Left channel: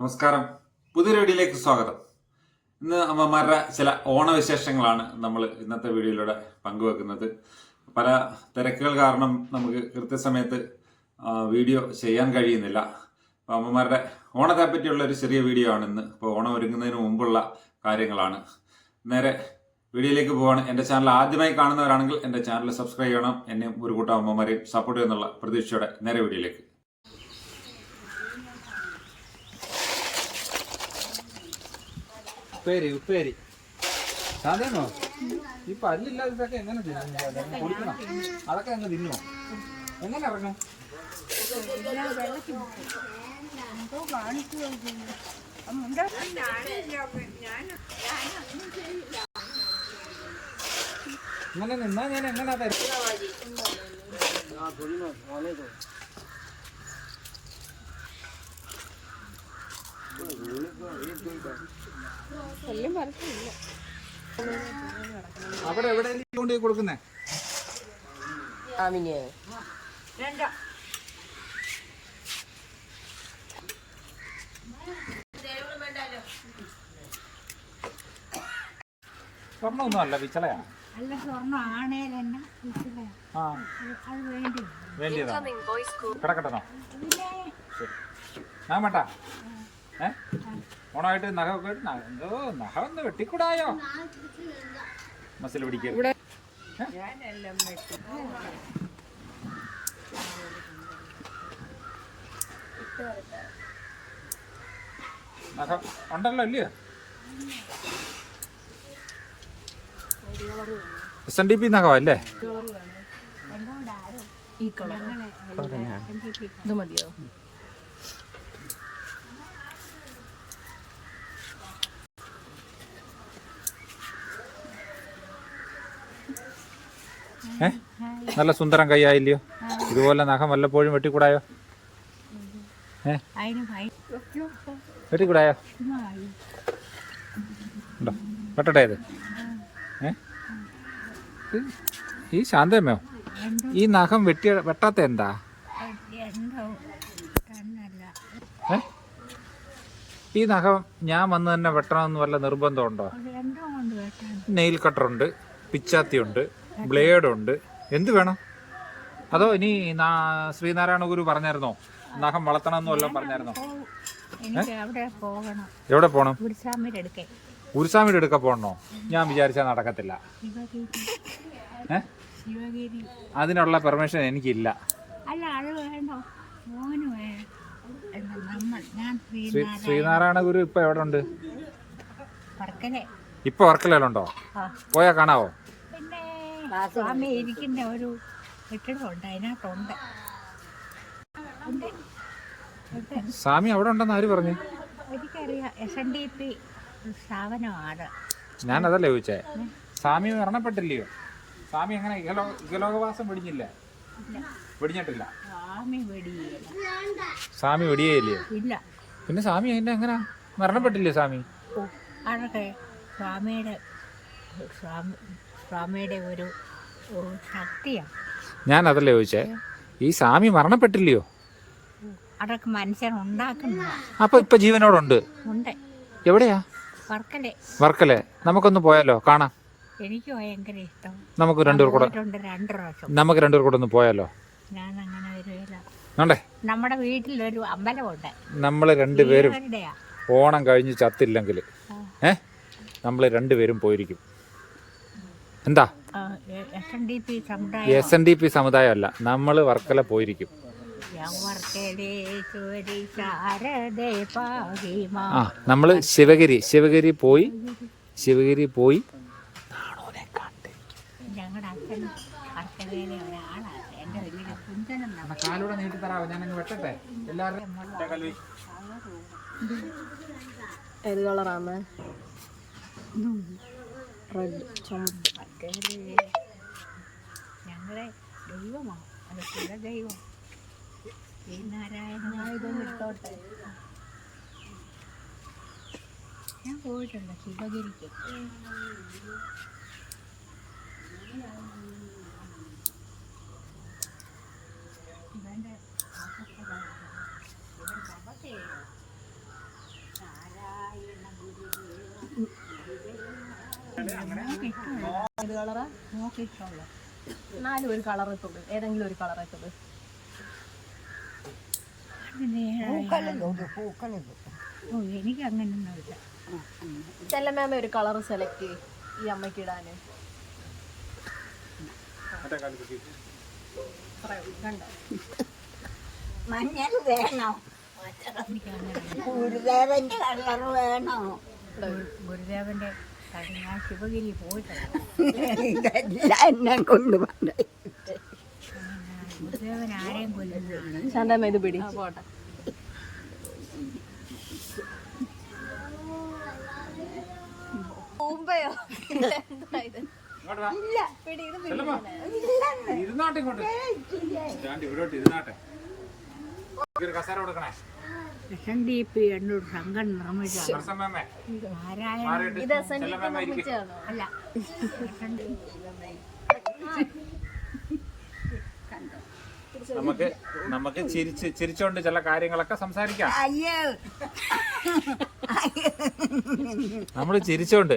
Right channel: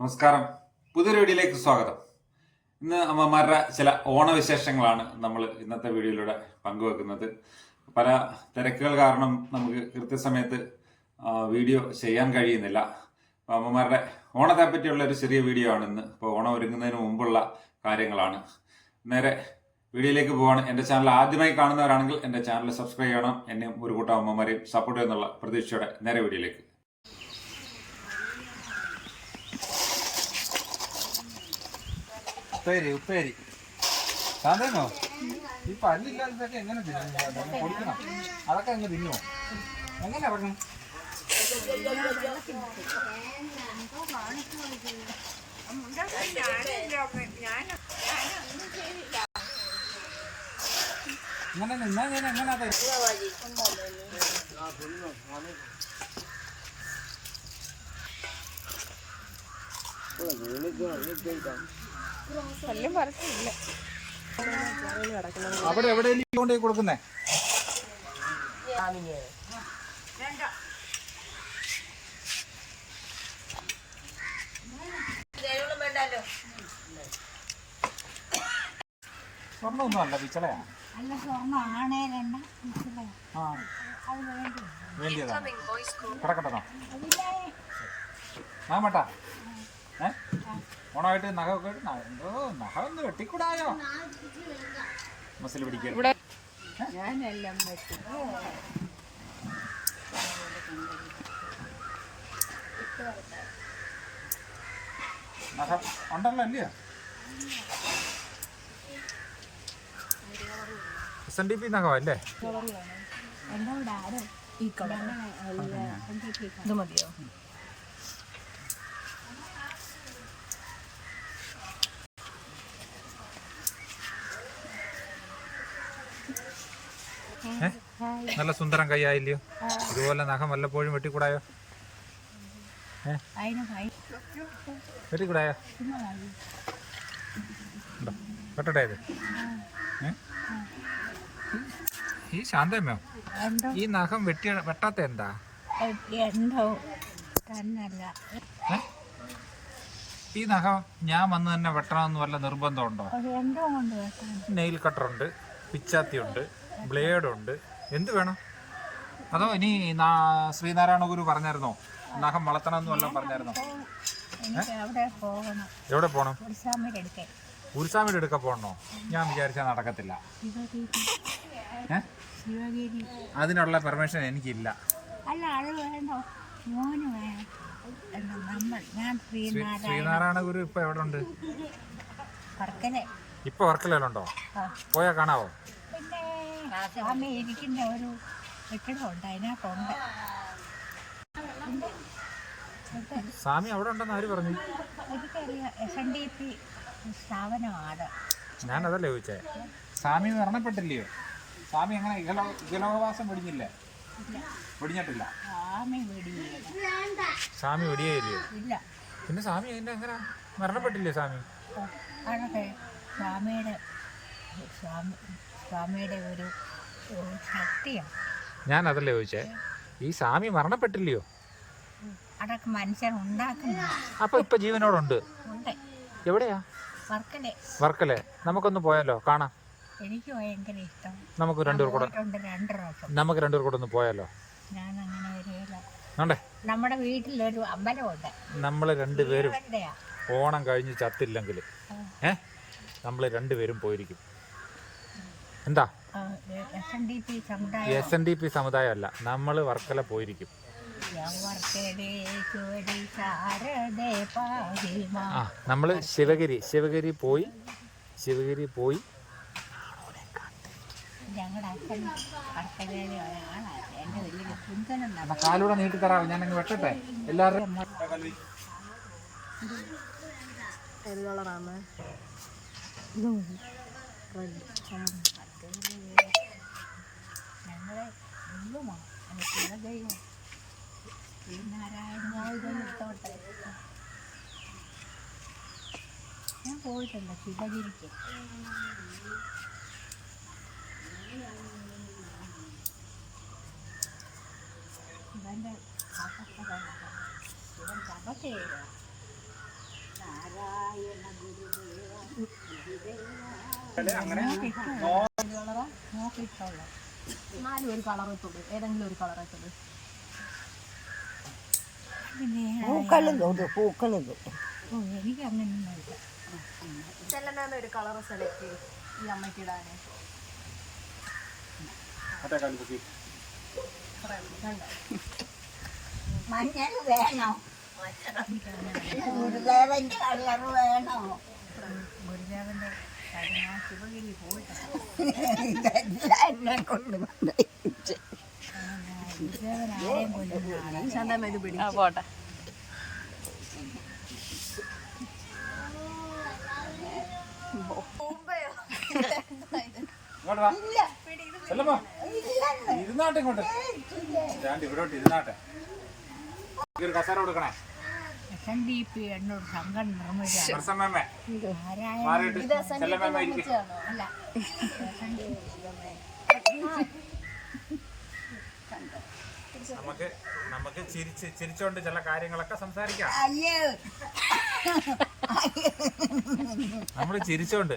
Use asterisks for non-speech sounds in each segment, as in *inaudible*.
നമസ്കാരം. പുതിയൊരു വീഡിയോയിലേക്ക് സ്വാഗതം. ഇന്ന് അമ്മമാരുടെ ചില ഓണവിശേഷങ്ങളാണ് നമ്മൾ ഇന്നത്തെ വീഡിയോയിലൂടെ പങ്കുവെക്കുന്നത്. പല തിരക്കുകൾ കാരണം നമുക്ക് കൃത്യസമയത്ത് വീഡിയോ ചെയ്യാൻ കഴിയുന്നില്ല. അപ്പോൾ അമ്മമാരുടെ ഓണത്തെ പറ്റിയുള്ള ഒരു ചെറിയ വീഡിയോ ആണ് ഇന്ന്. ഇപ്പോൾ ഓണം ഒരുങ്ങുന്നതിന് മുമ്പുള്ള കാര്യങ്ങളാണ്. നേരെ വീഡിയോയിലേക്ക് പോവാണ്. എന്റെ ചാനൽ ആദ്യമായി കാണുന്നവരാണെങ്കിൽ എന്റെ ചാനൽ സബ്സ്ക്രൈബ് ചെയ്യണം. എന്നെയും ഒരു കൂട്ടം അമ്മമാരെയും സപ്പോർട്ട് ചെയ്യുന്നുള്ള പ്രതീക്ഷയോടെ നേരെ വീഡിയോയിലേക്ക് ഉപ്പേരി ഉപ്പേരി. സാധനോ ഈ പല്ലില്ലാതെ ഇതൊക്കെ എങ്ങനെ കൊടുക്കണം അതൊക്കെ അങ്ങ് തിന്നോ എങ്ങനെ ഇറങ്ങും? ഇങ്ങനെ നിന്നാ ഞാൻ എങ്ങനെ തരും പല്ലും പറക്കില്ല അവിടെ എവിടെയെങ്കിലും കൊണ്ടുപോയി കൊടുക്കുന്നേ? സ്വർണമൊന്നും അല്ല പിച്ചളയാ അല്ല സ്വർണം ആണേലെണ്ണ ഇച്ചിരി ആ. അത് വേണ്ടി. വേണ്ടിയതാണ് കിടക്കട്ടോ പിന്നെ ഞാൻ വേട്ടാ. ഏ? ഓണമായിട്ട് നഖമൊക്കെ ഒക്കെ നഖ- എന്തോ നഖം ഒന്ന് വെട്ടിക്കൂടായോ? മസിൽ പിടിക്കരുത്. നഖം ഉണ്ടല്ലോ അല്ലയോ എസ് എൻ ഡി പി നഖം അല്ലേ? ഈ കളർ ഇത് മതിയോ? നല്ല സുന്ദരം കൈയായില്ലയോ? ഇതുപോലെ നഖം വല്ലപ്പോഴും വെട്ടിക്കൂടായോ? ഏ? അതിന് ഭയ വെട്ടിക്കൂടായോ? ഉണ്ടോ? വെട്ടട്ടെ അത് ഈ ശാന്തമ്മയോ ഈ നഖം വെട്ടി വെട്ടാത്ത എന്താ? ഈ നഖം ഞാൻ വന്ന് തന്നെ വെട്ടണമെന്ന് വല്ല നിർബന്ധമുണ്ടോ? നെയിൽ കട്ടറുണ്ട് പിച്ചാത്തിയുണ്ട്. ബ്ലേഡുണ്ട്. എന്ത് വേണം? അതോ ഇനി നാ- ശ്രീനാരായണ ഗുരു പറഞ്ഞായിരുന്നോ? നഖം വളർത്തണം എന്ന് വല്ലതും പറഞ്ഞായിരുന്നോ എവിടെ പോണം? ഗുരുസ്വാമിയുടെ എടുക്ക പോണോ? ഞാൻ വിചാരിച്ചാൽ നടക്കത്തില്ല. അതിനുള്ള പെർമിഷൻ എനിക്കില്ല. അല്ല അത് വേണ്ടോ? മോന് ശ്രീനാരായണ ശ്രീനാരായണ ഗുരു ഇപ്പൊ എവിടെ ഉണ്ട് ഇപ്പൊ വർക്കലയിലുണ്ടോ? പോയാ കാണാവോ? പിന്നെ സ്വാമി ഇരിക്കുന്ന ഒരു കെട്ടിടമുണ്ട് അതിനകത്തുണ്ട്. സ്വാമി അവിടെ ഉണ്ടെന്ന് ആര് പറഞ്ഞു? എനിക്കറിയാം എസ് എൻ ഡി പി സ്ഥാപനമാണ്. ഞാൻ അതല്ലേ ചോദിച്ചേ. സ്വാമി മരണപ്പെട്ടില്ലയോ? സ്വാമി എങ്ങനെ ഇഹലോ ഇഹലോകവാസം വെടിഞ്ഞില്ലേ? ഇല്ല. വെടിഞ്ഞിട്ടില്ല? സ്വാമി സ്വാമി വെടിയേയില്ലയോ? ഇല്ല. പിന്നെ സ്വാമി അതിന്റെ എങ്ങനെ? മരണപ്പെട്ടില്ലേ സ്വാമി? അതൊക്കെ സ്വാമിയുടെ സ്വാമി സ്വാമിയുടെ ഒരു ശക്തിയാണ് ഞാൻ അതല്ലേ ചോദിച്ചേ? ഈ സ്വാമി മരണപ്പെട്ടില്ലയോ? അതൊക്കെ മനുഷ്യൻ ഉണ്ടാക്കുന്ന. അപ്പൊ ഇപ്പൊ ജീവനോടുണ്ട്. ഉണ്ട്. എവിടെയാ? വർക്കലെ. വർക്കല്ലേ നമുക്കൊന്ന് പോയാലോ? കാണാം. എനിക്ക് ഭയങ്കര ഇഷ്ടം. നമുക്ക് രണ്ടുപേർ കൂടെ രണ്ട് പ്രാവശ്യം. നമുക്ക് രണ്ടുപേർ കൂടെ ഒന്ന് പോയാലോ? ഞാൻ അങ്ങനെ വരികയില്ല നമ്മുടെ വീട്ടിലൊരു അമ്പലമുണ്ട്. നമ്മൾ രണ്ടുപേരും ഓണം കഴിഞ്ഞ് ചത്തില്ലെങ്കിൽ ഏഹ് നമ്മൾ നമ്മൾ രണ്ടുപേരും പോയിരിക്കും. എന്താ? എസ് എൻ ഡി പി സമുദായം. അല്ല നമ്മൾ വർക്കല പോയിരിക്കും. നമ്മൾ ആ നമ്മൾ ശിവഗിരി ശിവഗിരി പോയി ശിവഗിരി പോയി. കാലൂടെ നീട്ടി തരാമോ ഞാൻ അങ്ങ് വെട്ടട്ടെ എല്ലാവരും ഏത് കളറാണ്? റെഡ് ഞങ്ങളെ ദൈവമാണ് അതൊക്കെ ദൈവം. ഈ നാരായണനായതൊന്നിട്ടോട്ടെ ഞാൻ പോയിട്ടുണ്ട് ശിവഗിരിക്ക്. ഇവന്റെ ഇവൻ തപസ് ചെയ്തു നാരായണ ഗുരുദേവ ഏത് കളറാ നോക്കിയിട്ടുള്ള നാലും ഒരു കളർ ഇട്ടോളൂ ഏതെങ്കിലും ഒരു കളർ ഇട്ടത് പൂക്കളും തൊട്ട് പൂക്കളും തൊട്ട് ഓ എനിക്ക് അങ്ങനെയൊന്നുമില്ല ചെല്ലമ്മ ഒരു കളർ സെലക്ട് ചെയ്യും. ഈ അമ്മയ്ക്ക് ഇടാന്. കണ്ടോ? മഞ്ഞൾ വേണോ? ഗുരുദേവന്റെ കളർ വേണോ? ഗുരുദേവന്റെ എന്നെ കൊണ്ട് ശാന്തമ്മ ഇത് പിടി പോട്ടെ. ഇരുന്നാട്ടെ ഇങ്ങോട്ട്. ഇരുന്നാട്ടെ. കസേര കൊടുക്കണേ. എസ് എൻ ഡി പി എന്നൊരു സംഘം നിർമ്മിച്ച പ്രസമ്മേ നാരായണ ഇത് എസ് എൻ ഡി പി നിർമ്മിച്ചതാണോ അല്ല എസ് എൻ ഡി നമുക്ക് നമുക്ക് ചിരിച്ച് ചിരിച്ചോണ്ട് ചില കാര്യങ്ങളൊക്കെ സംസാരിക്കാം. അയ്യോ. നമ്മൾ ചിരിച്ചോണ്ട്.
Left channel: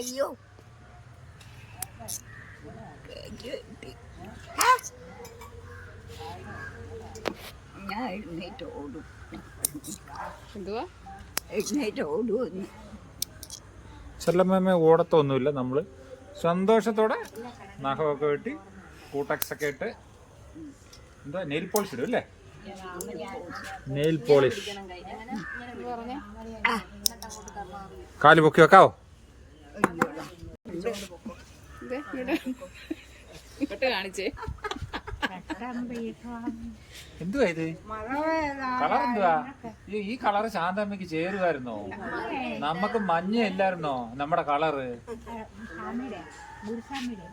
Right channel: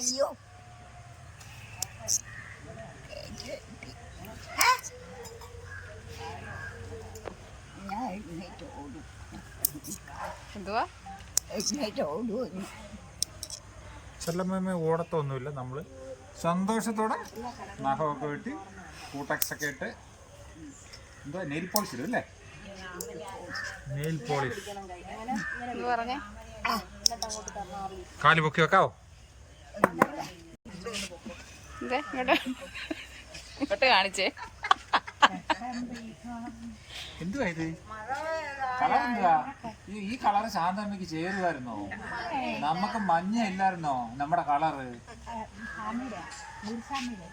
അയ്യോ. ഞാൻ എഴുന്നേറ്റ് ഓടും. എന്തുവാ? എഴുന്നേറ്റ് ഓടുമെന്ന് ചെല്ലമ്മ ഓടത്തൊന്നുമില്ല നമ്മൾ സന്തോഷത്തോടെ നഖമൊക്കെ വെട്ടി കൂട്ടക്സ് ഒക്കെ ഇട്ട് എന്താ നെയിൽ പോളിഷ് ഇടും അല്ലേ? Nail polish. പറഞ്ഞേ? കാൽ പൊക്കി വെക്കാവോ? ഈ കളറ് ശാന്തമ്മക്ക് ചേരുമായിരുന്നോ നമുക്ക് മഞ്ഞ ഇല്ലായിരുന്നോ? നമ്മുടെ കളറ്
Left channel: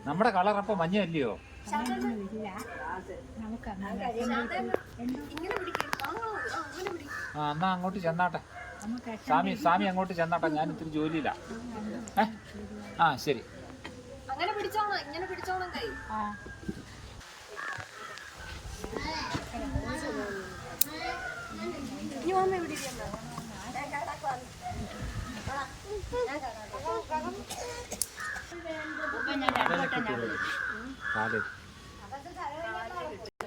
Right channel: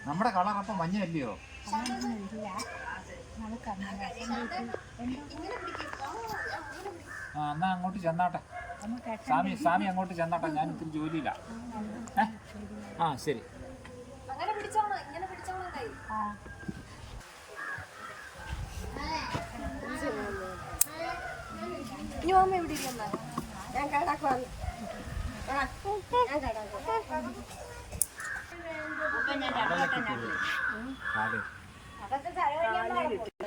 നമ്മുടെ കളർ അപ്പൊ മഞ്ഞ അല്ലയോ? ആ എന്നാ അങ്ങോട്ട് ചെന്നാട്ടെ. സ്വാമി സ്വാമി അങ്ങോട്ട് ചെന്നാട്ടെ ഞാൻ ഇത്തിരി ജോലിയില്ല? ആ ശരി. അങ്ങനെ പിടിച്ചോണം ഇങ്ങനെ പിടിച്ചോണം കൈ. ആ. ഇനി ഞാൻ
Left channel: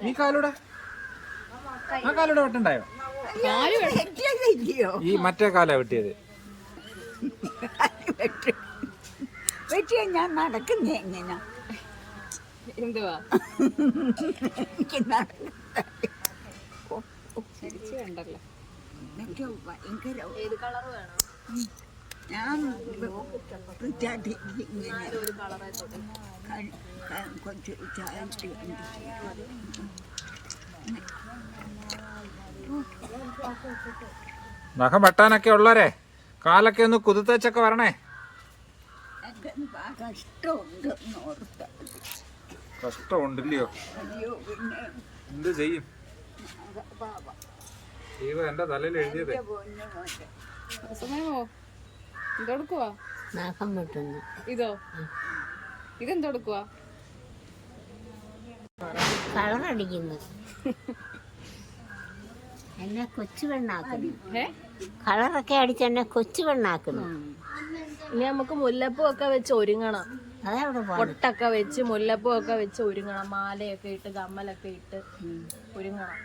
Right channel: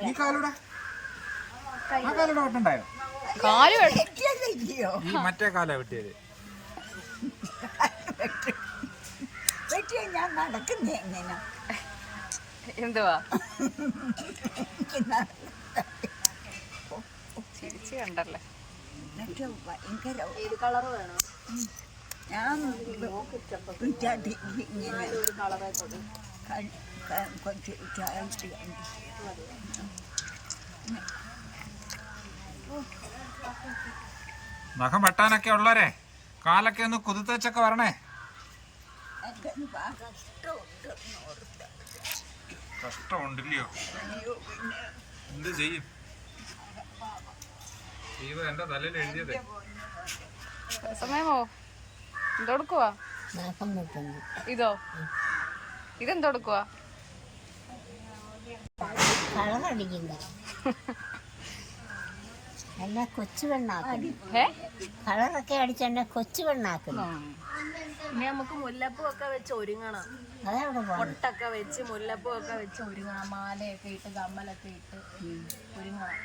നീ കാലൂടാ? ആ കാലൂടെ വെട്ടുണ്ടായോ കാൽ ഇല്ലയോ ഈ മറ്റേ കാലാ വെട്ടിയത്. വെട്ടിയ ഞാൻ നടക്കുന്നേ എങ്ങനെ? എന്തുവാ? ചിരിച്ചു കണ്ടല്ലേ? ഭയങ്കര ഏത് കളർ വേണം? ഞാൻ വിറ്റാട്ടി ഇങ്ങനെ കുറച്ച് ചായച്ച് കണ്ടു നഖം വെട്ടാനൊക്കെ ഉള്ളവരെ കാലൊക്കെ ഒന്ന് കുതിത്തേച്ചൊക്കെ വരണേ. കഷ്ടമുണ്ടല്ലയോ? എന്ത് ചെയ്യും? ദൈവം എന്റെ തലയിൽ എഴുതിയത്. സമയമോ? എന്തെടുക്കുവാ? ഇതോ? ഇതെന്തെടുക്കുവാ? കളറടിക്കുന്നു. *laughs* എന്നെ കൊച്ചു പെണ്ണാക്കുന്നു. കളറൊക്കെ അടിച്ച് എന്നെ കൊച്ചു പെണ്ണാക്കുന്നു. ഇനി നമുക്ക് മുല്ലപ്പൂ ഒക്കെ വെച്ച് ഒരുങ്ങണം. അതവിടെ പൊട്ടൊക്കെ വെച്ച് മുല്ലപ്പൂ ഒക്കെ വെച്ച് ഒരുങ്ങണം. മാലയൊക്കെ ഇട്ട് കമ്മലൊക്കെ ഇട്ട് ഒരുങ്ങണം.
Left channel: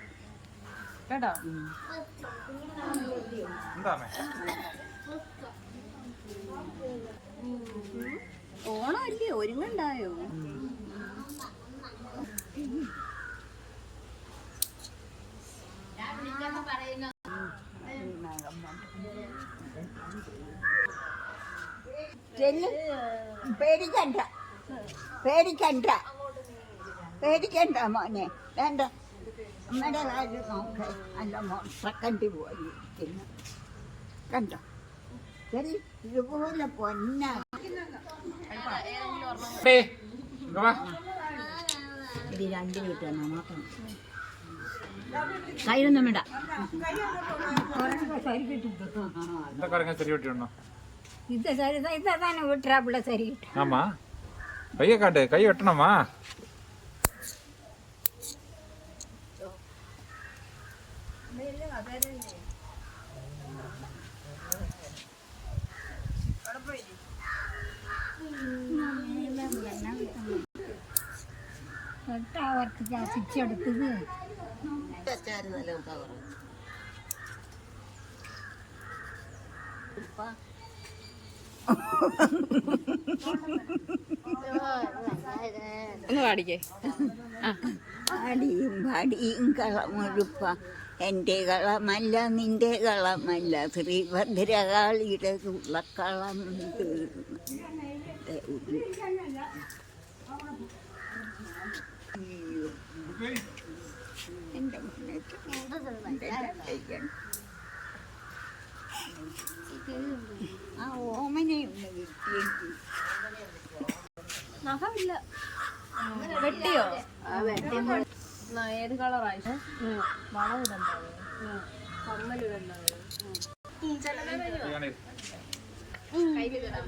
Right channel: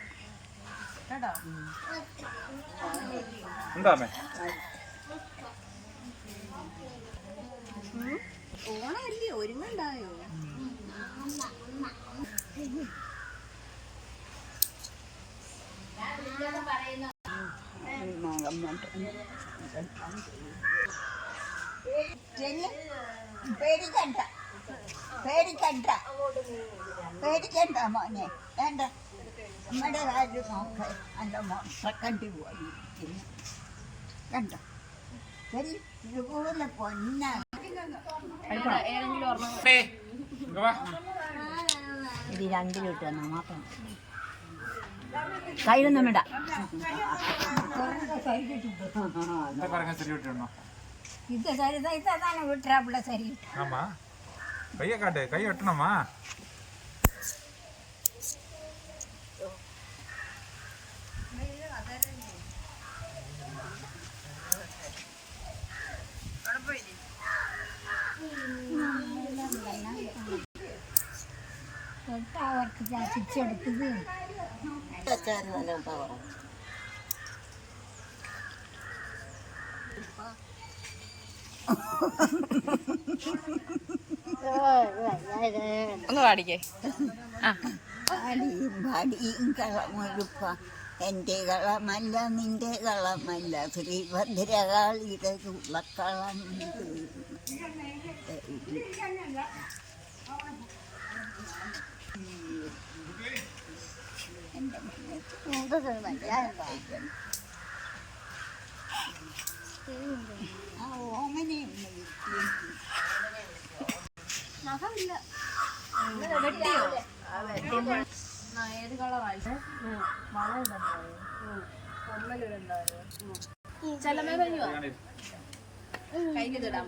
കേട്ടോ? ഓണമല്ലേ? ഒരുങ്ങണ്ടായോ? ചെല്ലു പേടിക്കണ്ട. പേടിക്കണ്ട. പേടിക്കണ്ട മോനെ. വേണ്ട. അമ്മയുടെ കാര്യം നോക്ക. നല്ല മോട്ടക്കണ്ടി പോയി ഇരിക്കുന്നു. കണ്ടോ? ശരി ഇതുപോലെ പൊന്ന. ഡേയ്, ഇങ്ങ് വാ. ഇത് രണ്ട് കിട്ടുന്ന മാത്രം കയ്യിലൊന്നും വേണ്ട എന്താ കറങ്ങാൻ ശരി കിട്ടിയുണ്ടോ ഇത് സരി ഇതാണ് വിട്ടാ സരി കിട്ടും ആമാ ഒന്ന് പാടിക്കേ പാടിയും പാടിയും കളമൊഴുപ്പ. എന്റെ കളമല്ല നിന്റെ കളമല്ല. ശ്രീഭദ്രകാളിയുടെ ഉള്ളക്കളം എന്റെ ആ ഓമനയുണ്ട് വിറ്റിയെങ്കിൽ വെട്ടിയോ എന്നാ, ഏത് കളറായി വളം ഇടണ്ടായോ കമ്മലിടണ്ടായോ ചെലമേ വരുമോ കയ്യിലിടാം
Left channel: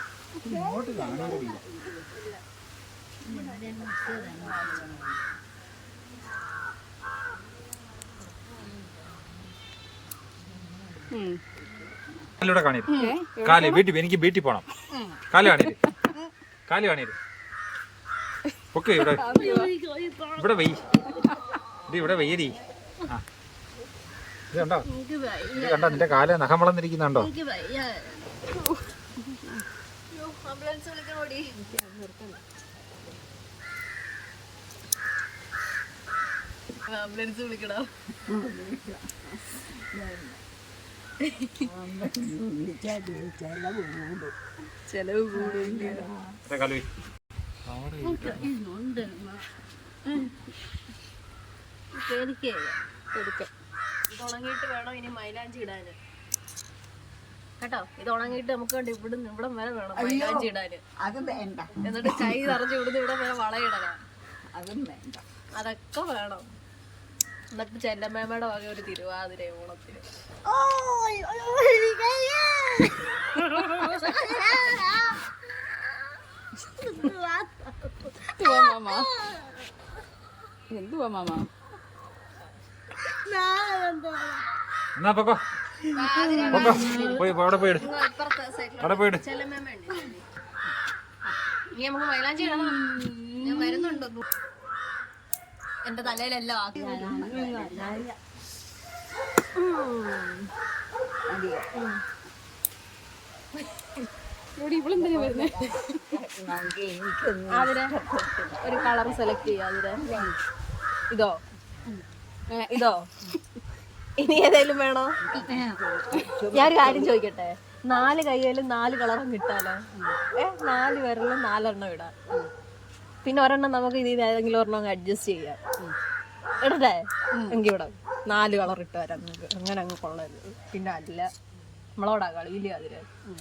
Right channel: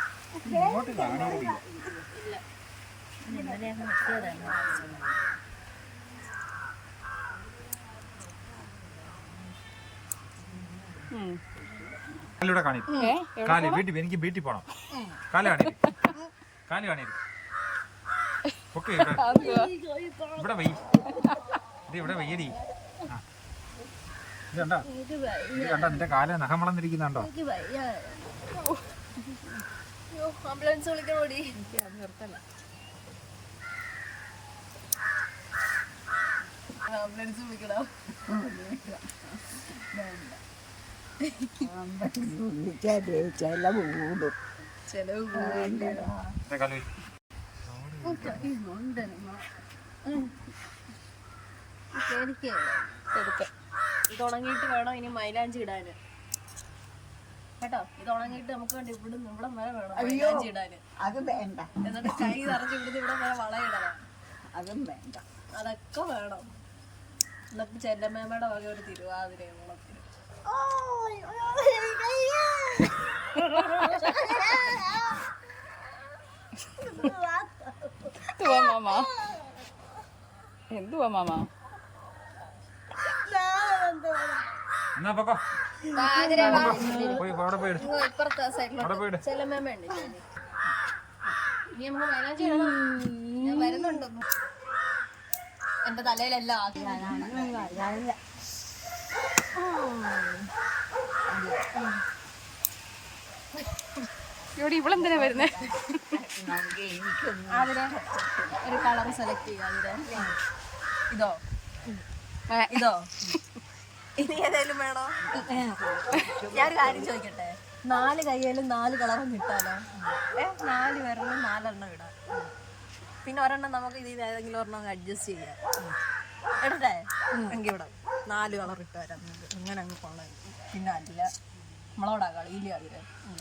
ഇങ്ങോട്ട് കാണീര് കാലിലൂടെ കാണീര്. കാൽ വീട്ടിൽ എനിക്ക് വീട്ടിൽ പോണം. കാൽ കാണിയത് കാൽ കാണിയത് ഓക്കെ ഇവിടെ. ഇവിടെ വെയ്. ഇത് ഇവിടെ ഇത് കണ്ടോ? ഇത് കണ്ടോ? നിന്റെ കാൽ നഖം വളർന്നിരിക്കുന്നുണ്ടോ? ആംബുലൻസ് വിളിക്കണോടി ആംബുലൻസ് വിളിക്കണോ വിളിച്ചാലേ ചില കൂടും. ചെലവ് ഇതാ കാൽ വെയ്. എനിക്ക് കൊടുക്ക ഇത് ഉണങ്ങിയിട്ട് വേണം ഇനി മൈലാഞ്ചി കേട്ടോ? ഇത് ഉണങ്ങിയിട്ട് നമുക്ക് വേണ്ടി ഇവിടെ ഇവിടം വരെ വേണം മൈലാഞ്ചി ഇടാന് അത് വേണ്ട. എന്നിട്ട് കൈ നിറച്ച് ഇവിടുന്ന് ഇവിടെ വരെ വളയിടണം അതും വേണ്ട. അതൊക്കെ വേണം. എന്നിട്ട് ചെല്ലമ്മേമ്മയുടെ വക ഒരു തിരുവാതിര ഓണത്തിന്. എന്തുവാ മാമ? എന്നാ പൊക്കോ. ഞാൻ വരുന്നുണ്ടോ. എന്റെ തലയിലെല്ലാം ഇവിടെ ഇവളെന്തിനാ വരുന്നേ? അവിടെ ഒരു കളർ സെലക്ട് ചെയ്യാം ഇതോ. ഇതോ. ഇനി ഏതായാലും വേണോ? ഞാനൊരു കാര്യം ചോദിക്കട്ടെ? നാല് കയ്യിലും നാല് കളറും കിട്ടാലോ? ഏ നാല് പേരിലും നാലെണ്ണം ഇടാം. പിന്നെ ഒരെണ്ണം നമുക്ക് ഇതിൽ ഏതെങ്കിലും ഒരെണ്ണം അഡ്ജസ്റ്റ് ചെയ്യാം. ഇടട്ടെ? എങ്കിൽ ഇവിടെ നാല് കളർ ഇട്ട് വരാം നമുക്ക്. അങ്ങനെ അങ്ങ് കൊള്ളരുത്. പിന്നെ അല്ല നമ്മളോടാ കളിയില്ല അതിൽ. ആ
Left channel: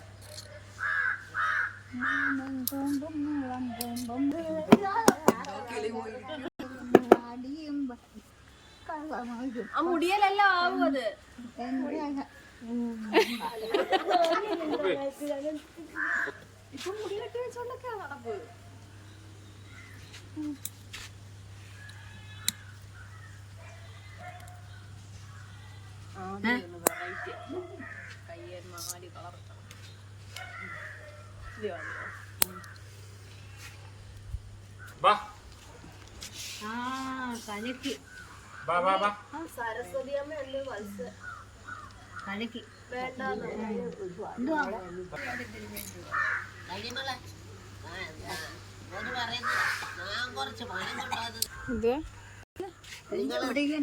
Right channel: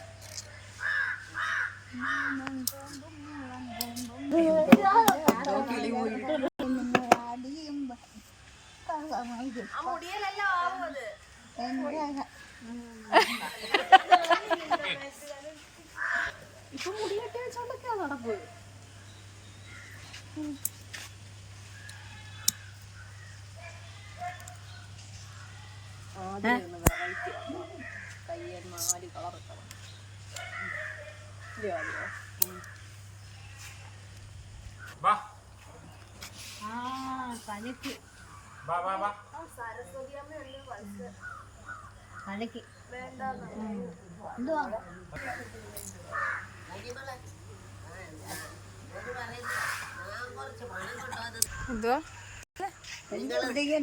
മുടിയലെല്ലാം ആവും അത്. ഇപ്പൊ മുടിയെട്ടി വെച്ചോണ്ടൊക്കെയാ നടപ്പ്. ആ കലക്ക് കലക്കി എന്തുവാ? എന്തുവാ?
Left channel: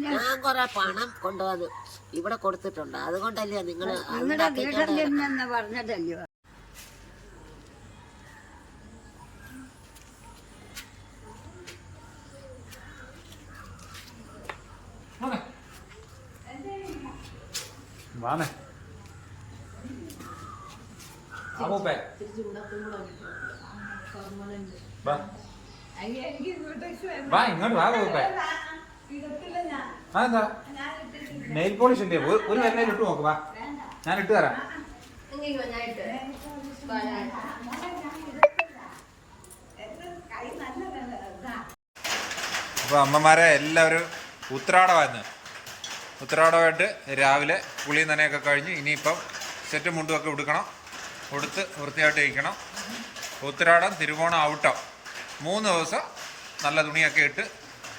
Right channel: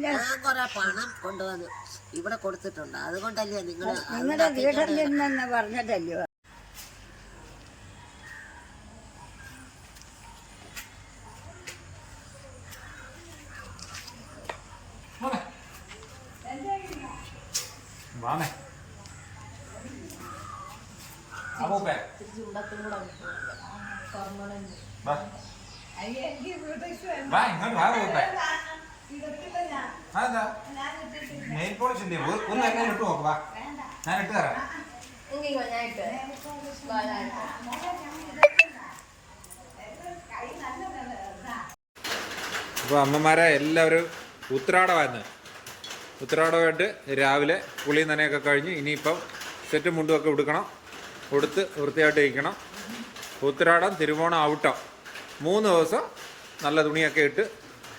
ഞാൻ കുറെ പണം കൊണ്ടുവന്ന് ഇവിടെ കൊടുത്തിട്ടുണ്ട്. അതുകൊണ്ടല്ലേ നിങ്ങൾ നിങ്ങളുടെ വീട്ടിൽ പറഞ്ഞിട്ടല്ലയോ വാണേ അപ്പൂപ്പേ വാ. ഇങ്ങോട്ട് വാ അപ്പൂപ്പേ ആ എന്താ? നെയിൽ പോളിഷ് ഉണ്ട് ഒരു കരയിൽ ഇട്ട് നോക്ക് വാ. ഞാൻ ഇട്ട് തരാം. അപ്പോൾ അമ്മമാരെ എല്ലാവരും ഉത്രാടമായിരുന്നു. ഉത്രാടമായിട്ട് രാവിലെ പുളി നനയൊക്കെ കഴിഞ്ഞ് ഇനിയിപ്പം സെറ്റും മുണ്ടുമൊക്കെ ഉടുക്കണം. ഉടുത്ത് വൃത്തിയായിട്ട് ഇരിക്കണം. ഉത്തരാടം തിരുവോണം ഔട്ടം. മൂന്ന് ദിവസം നല്ല തുണിയൊക്കെ ഇട്ട്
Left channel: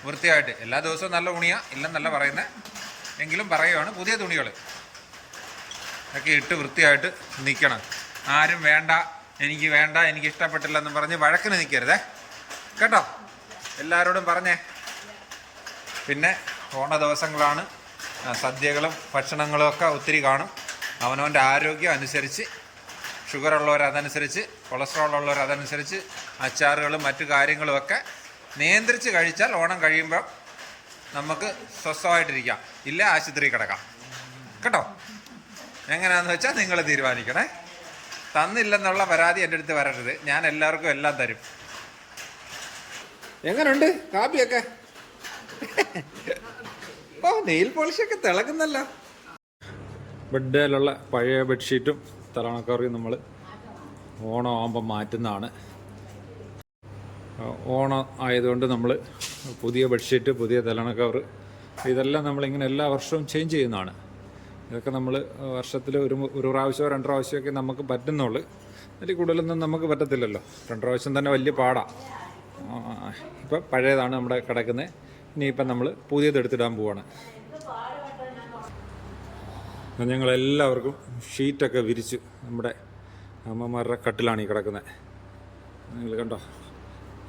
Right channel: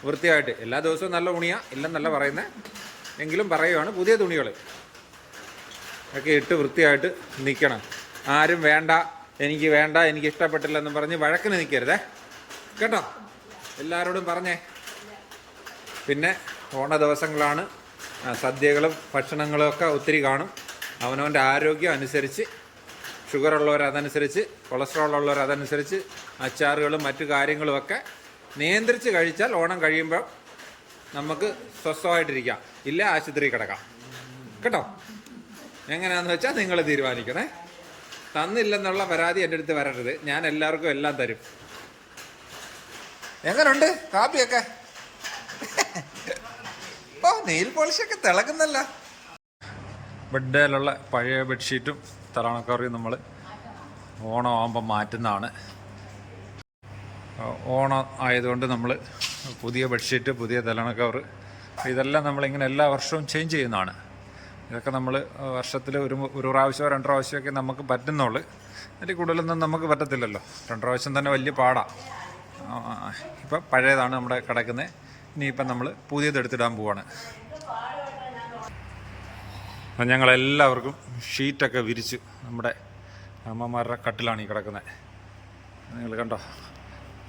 വൃത്തിയായിട്ട്. എല്ലാ ദിവസവും നല്ല തുണിയാണ് ഇല്ലെന്നല്ല പറയുന്നത് എങ്കിലും പറയുവാണ് പുതിയ തുണികൾ ഒക്കെ ഇട്ട് വൃത്തിയായിട്ട് നിൽക്കണം ആരും വേണ്ട എനിക്ക് വേണ്ട എനിക്ക് ഇഷ്ടപ്പെട്ടില്ലെന്ന് പറഞ്ഞ് വഴക്കിന് നിൽക്കരുതേ കേട്ടോ? എല്ലാവരോടും പറഞ്ഞേ. പിന്നെ ഓണ ദിവസങ്ങളാണ്. സദ്യകളും ഭക്ഷണങ്ങളും ഒക്കെ ഒത്തിരി കാണും. അവനവന്റെ ആരോഗ്യം അനുസരിച്ച് ഷുഗർ ഉള്ളവർ അതനുസരിച്ച് കൊളസ്ട്രോൾ ഉള്ളവർ അതനുസരിച്ച് അച്ചാറുകളും മറ്റു കാര്യങ്ങളുമൊക്കെ നിയന്ത്രിച്ച് കഴിച്ചാൽ ഓണം കഴിയുമ്പോൾ നമുക്ക് സ്വസ്ഥമായിട്ടിരിക്കാം. ഇല്ല ആശുപത്രി കിടക്കാം. കേട്ടോ? എങ്ങനെയാണെന്ന് വെച്ചാൽ നിങ്ങൾ തീരുമാനിക്കണേ. തന്നില്ലെന്നുള്ള പരാതി എന്റെ അടുത്ത് വരരുത്. ഞാൻ എല്ലാവർക്കും എല്ലാം തരും. എങ്ങനെയുണ്ട് കാപ്പിയൊക്കെ? ഓ നെയിൽ പോളിഷൊക്കെ തിളക്കുന്നല്ല. ബെഡിലുള്ള പഴയ ബെഡ്ഷീറ്റും തലണക്കറിയും നമ്മൾ ഓണം ആകുമ്പോൾ മാറ്റുന്നതാണ്. ഓണം ആയതുകൊണ്ട് നമ്മൾ പുതിയ ബെഡ്ഷീറ്റ് പുതിയ തലണക്കവർ ഇതെല്ലാം നമ്മളിങ്ങനെ എല്ലാ വർഷവും ചേഞ്ച് ചെയ്യുന്നതാണ്. ഇതൊക്കെ നമ്മൾ വർഷത്തിൽ ഒരു ഒരു പ്രാവശ്യമോ രണ്ട് പ്രാവശ്യമൊക്കെ നമുക്ക് പറ്റുന്നുള്ളൂ. അതിൽ കൂടുതലൊന്നും നമുക്ക് പറ്റത്തില്ലല്ലോ. രണ്ട് പ്രാവശ്യം തന്നെ വലിയ പാടാണ് ഇപ്പം പഴയതാണ് നമ്മുടെ കിടക്കുന്നത് ഇനിയിപ്പം നമ്മൾ പുതിയത് എടുത്തിടാൻ പോവാണ്. ഞങ്ങളെല്ലാവർക്കും ഷീറ്റൊക്കെ വിരിച്ചു. നമ്മുടെ അമ്മമാരുടെ കട്ടിലാണ് ഈ കിടക്കുന്നത്. നിങ്ങൾ കണ്ടോ?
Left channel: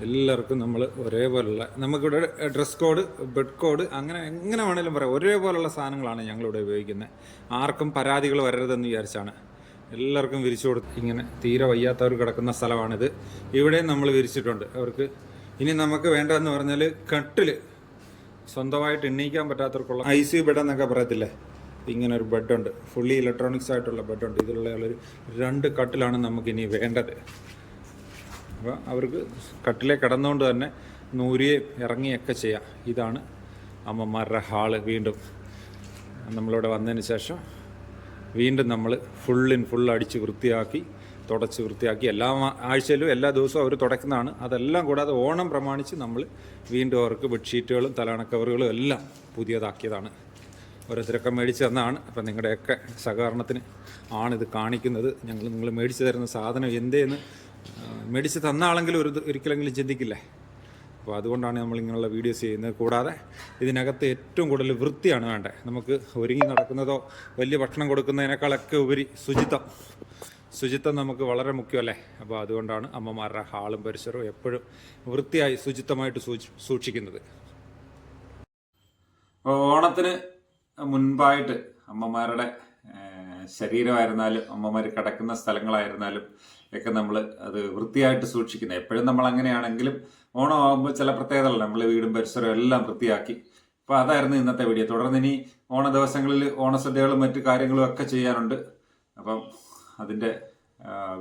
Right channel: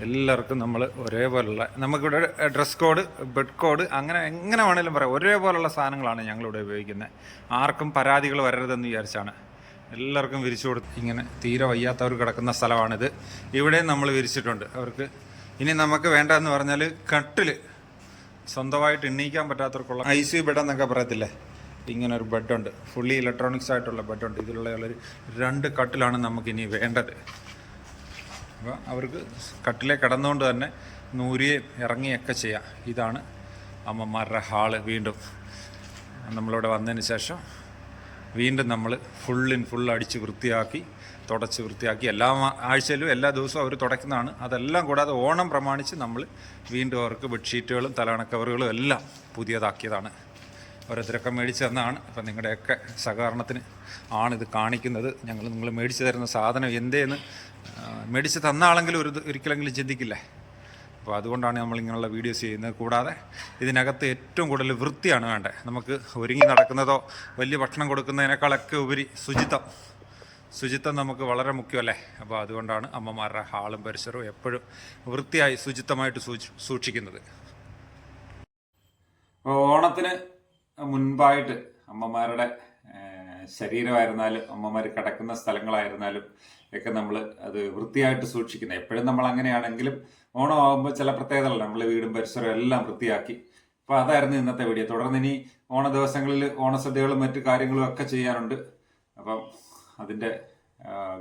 എല്ലാവർക്കും നമ്മൾ ഒരേപോലുള്ള നമുക്കിവിടെ ഡ്രസ് കോഡ് ബെഡ് കോഡ് അങ്ങനെ എങ്ങനെ വേണേലും പറയാം. ഒരേപോലുള്ള സാധനങ്ങളാണ് ഞങ്ങളിവിടെ ഉപയോഗിക്കുന്നത്. ആർക്കും പരാതികൾ വരരുതെന്ന് വിചാരിച്ചാണ്. എല്ലാവർക്കും വിരിച്ചു കൊടുത്ത് ഇങ്ങനെ തീരെ വയ്യാത്തവർ കിടക്കുന്ന സ്ഥലമാണിത്. ഇവിടെയും നമ്മൾ വിരിച്ചിട്ടുണ്ട്. അവർക്ക് ഇനി നമുക്ക് വേണ്ടതെന്ന് പറഞ്ഞാൽ കട്ടിൽ സ്വന്തമായിട്ട് എണ്ണീക്കാൻ പറ്റാത്തവർക്കുള്ള ഐ സി ബെഡ് എന്നൊക്കെ പറയത്തില്ലേ? ഇങ്ങനെ ഒരു ബെഡുണ്ട്. ഫുള്ളി ഇലക്ട്രോണിക്സ് ആയിട്ടുള്ള ബെഡുണ്ട്. ഇതിലുള്ള ഒരു രണ്ട് കട്ടിലാണ് നമുക്കിനി വേണ്ടത്. അപ്പോൾ അവർക്ക് കട്ടിലെ കിടന്നുകൊണ്ട് തന്നെ നൂരുകയും ഇറങ്ങിയൊക്കെ ചെയ്യാം. ഇതാണ് അമ്മമാരുടെ ഹാൾ വീണ്ടും. നമ്മളിവിടെ വന്നതിന് ശേഷം വീണ്ടും നമ്മൾ ഫുള്ളിൻ ഫുൾ അടിച്ച് വൃത്തിയാക്കി തുടച്ച് വൃത്തിയാക്കി എല്ലാ ആഴ്ചയിലും എല്ലാ ദിവസവും അവർ തുടയ്ക്കുന്നതാണ്. അതെല്ലാം കൂടാതെ ഓണം പ്രമാണിച്ച് നമ്മൾ വീണ്ടും അവർക്ക് ബെഡ്ഷീറ്റുകളും തലണ കവറുകളും എല്ലാം പുതിയതാക്കിയതാണ്. ഓരോരുത്തരൊക്കെ മേടിച്ച് തന്നതാണ്. അപ്പം നിങ്ങളുടെയൊക്കെ സഹകരണത്തിന് ആണിത് കാണിക്കുന്നത്. ഞങ്ങൾ നിങ്ങൾ മേടിച്ച് തരുന്ന സാധനം എന്തേന്ന് മേടിച്ച് തന്ന ആളെങ്കിലും ഒരു ഒരിക്കലെങ്കിലും ചിന്തിക്കില്ലേ? അപ്പോൾ അതുകൊണ്ടാണ് നമ്മൾ ഇങ്ങനെയുള്ള വീഡിയോസ് ചെയ്യുന്നത്. കൂടാതെ ഇതിനകത്ത് ഏറ്റവും കൂടുതൽ വൃത്തിയാണ് വേണ്ടത്. നമുക്ക് ഒരുങ്ങി നടക്കുന്നതോ വലിയ ഭക്ഷണം കൊടുക്കുന്നതിനേക്കാളൊക്കെ ഉപരി ശുചിത്വം. ശുചിത്വം നമുക്ക് വളരെ മുഖ്യമല്ലേ? അപ്പോൾ അതുകൊണ്ടാണ് അമ്മമാരുടെ ഹാളും പരിസരവും എപ്പോഴും വൃത്തിയായി ശുചിത്വമായിട്ട് സൂക്ഷി സൂക്ഷിക്കുന്നത്. ഓണത്തിന് മുൻപായിട്ട് അമ്മമാരുടെ ശരീരമായിരുന്നാലും അമ്മമാർ കിടക്കുന്ന സ്ഥലങ്ങളായിരുന്നാലും ഒക്കെ നമ്മൾ അത് വൃത്തിയായിട്ട് സൂക്ഷിക്കുന്നത്. എപ്പോഴും നമ്മൾ അങ്ങനെയാണെങ്കിലും ഓണം ആകുമ്പോൾ ചില പ്രത്യേകതകൾ നമ്മൾ വീടും പരിസരവും എല്ലാം വൃത്തിയാക്കി. അപ്പോൾ അതായിരുന്നു ഇന്നത്തെ വീഡിയോ. തുടർന്ന് ഇനി ഓണ ദിവസങ്ങളിൽ ഓണസദ്യകളും മറ്റു കാര്യങ്ങളും ഒക്കെ ചെയ്യാനുണ്ട്. അപ്പം അതിന്റെ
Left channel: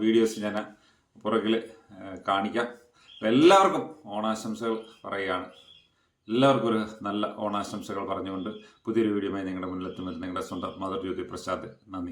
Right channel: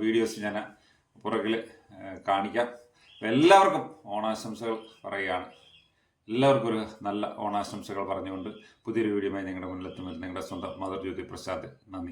വീഡിയോസ് ഞാൻ പുറകിൽ കാണിക്കാം. എല്ലാവർക്കും ഓണാശംസകൾ പറയുകയാണ്. എല്ലാവർക്കും ഒരു നല്ല ഓണാശംസകൾ പറഞ്ഞുകൊണ്ട് പുതിയൊരു വീഡിയോയുമായി നിങ്ങളുടെ മുന്നിലെത്തുമ്പോൾ നിങ്ങളുടെ സ്വന്തം മദർ ജ്യോതി പ്രസാദ്. നന്ദി.